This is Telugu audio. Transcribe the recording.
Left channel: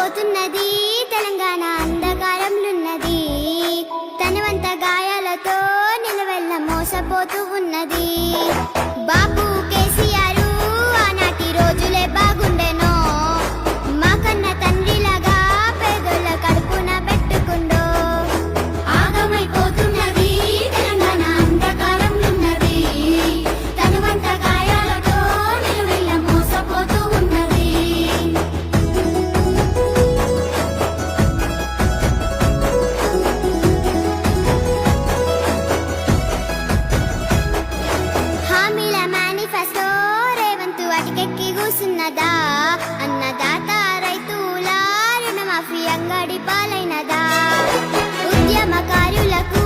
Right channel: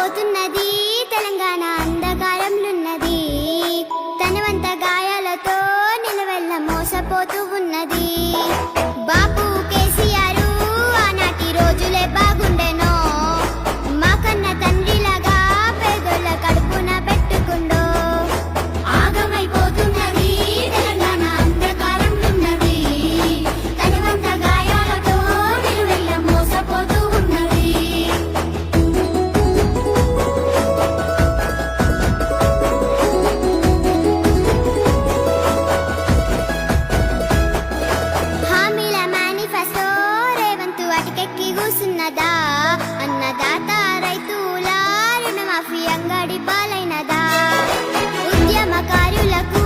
పోతున్నది తెలంగాణ అంధకారంలున్నది, తనవంత గాయాలతో నిలవెల్ల మోసపోతూ ఉన్నది. బాబు కేసీఆర్ ఆనాటి రోజులే బాగుండెనో, మా కన్న తండ్రిలాగా పేదోళ్ళ కడుపున పెట్టుకుండో. ఆగమైపోతున్నది తెలంగాణ అంధకారంలున్నది, తనవంత గాయాలతో నిలవెల్ల మోసపోతూ ఉన్నది. హామీల మేనిఫెస్టో రేవంత్ అటికెక్కి కూసున్నదా, అన్నదాత రైతుల రుణమాఫీ అంగడి పాలైనదా, ఉద్యమకారులకు